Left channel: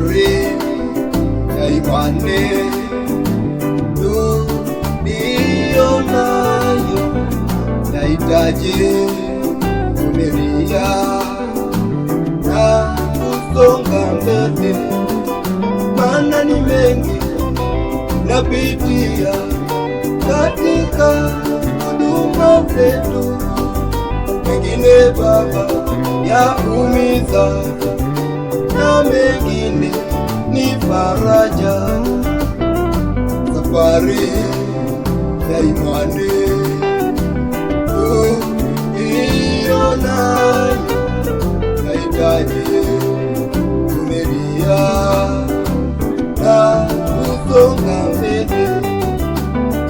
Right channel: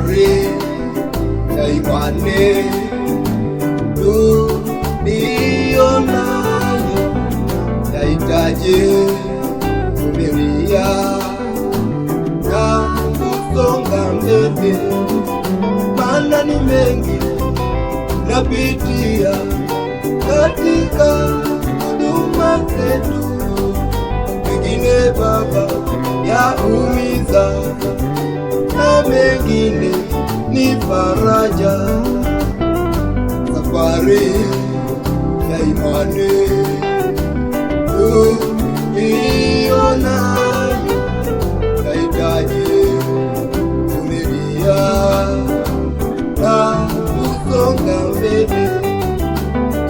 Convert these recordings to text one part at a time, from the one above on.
safari ya imani tuliyonayo yahitaji kuvumilia na kusonga mbele, maana ni mengi napitia katika huduma zetu, mengine Baba yaumiza na mengine ni faraja. Safari ya imani tuliyonayo yahitaji kuvumilia na kusonga mbele,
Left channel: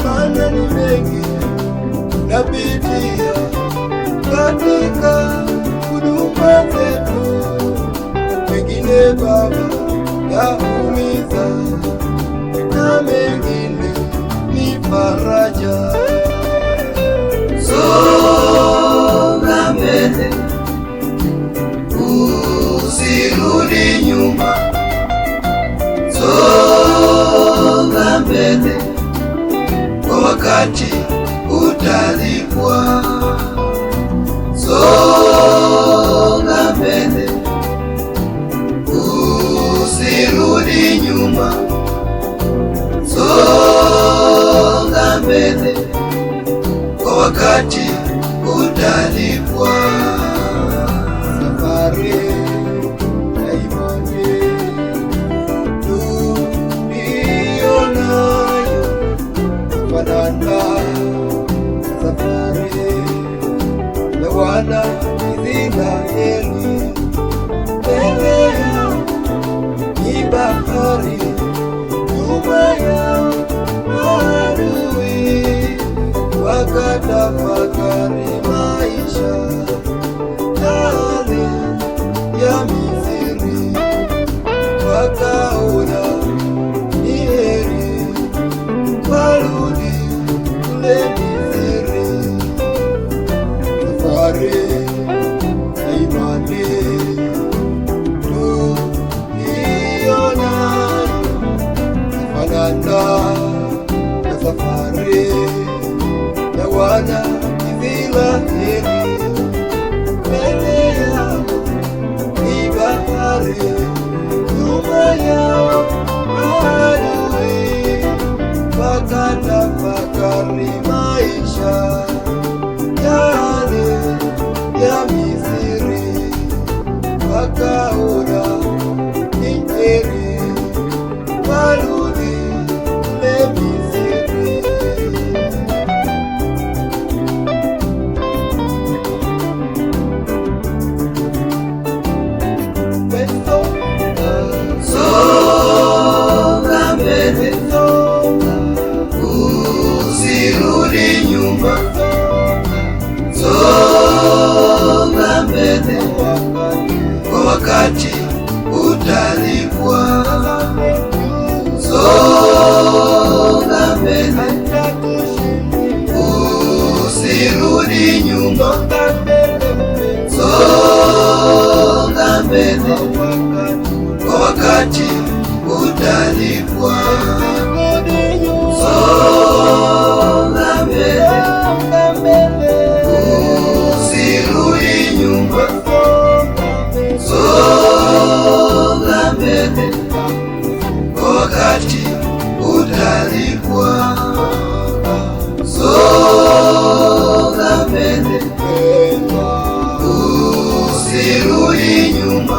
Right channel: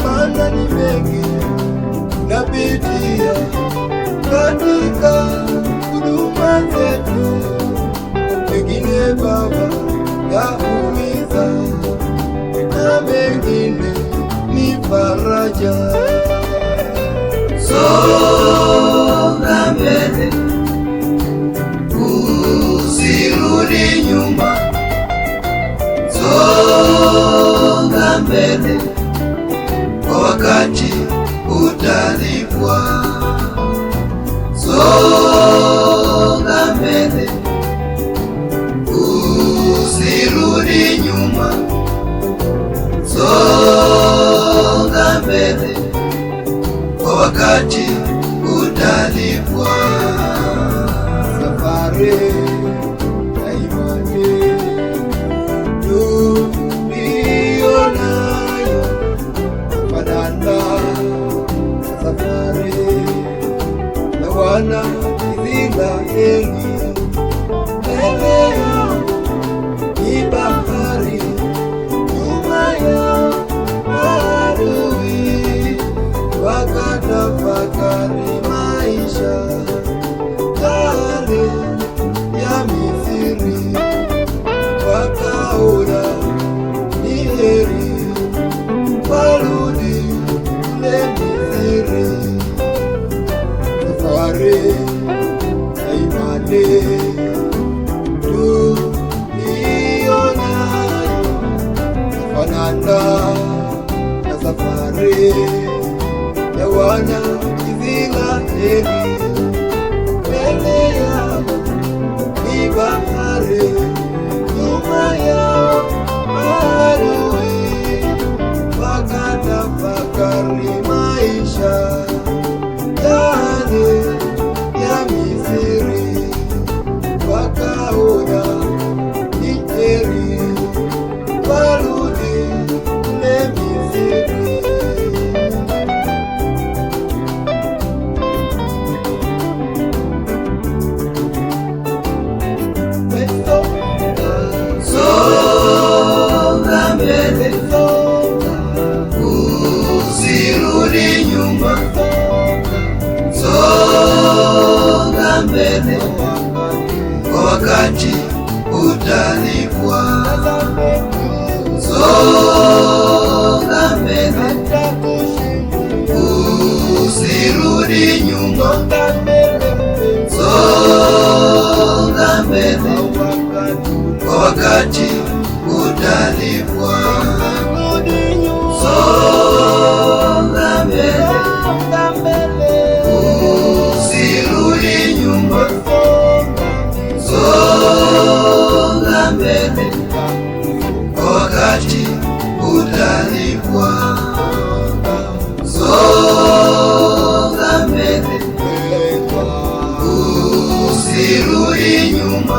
maana ni mengi napitia katika huduma zetu, mengine Baba yaumiza na mengine ni faraja. Songa mbele, usirudi nyuma. Songa mbele, kwa wakati utalipwa. Songa mbele, usirudi nyuma. Songa mbele, kwa wakati utalipwa. Safari ya imani tuliyonayo fanana safari ya wana Israeli. Mbele yao ni bahari, nyuma yao adui, wakatafakari maisha yale ya Misri, wakaona ni heri warudi kule Misri. Safari ya imani tuliyonayo yafanana na safari ya wana Israeli. Mbele yao ni bahari, nyuma yao adui, wakatafakari maisha yale ya Misri, wakaona ni heri warudi kule Misri. Songa mbele, usirudi nyuma. Songa mbele, kwa wakati utalipwa. Songa mbele, usirudi nyuma. Songa mbele, kwa wakati utalipwa. Songa mbele, usirudi nyuma. Songa mbele, kwa wakati utalipwa. Songa mbele, usirudi nyuma.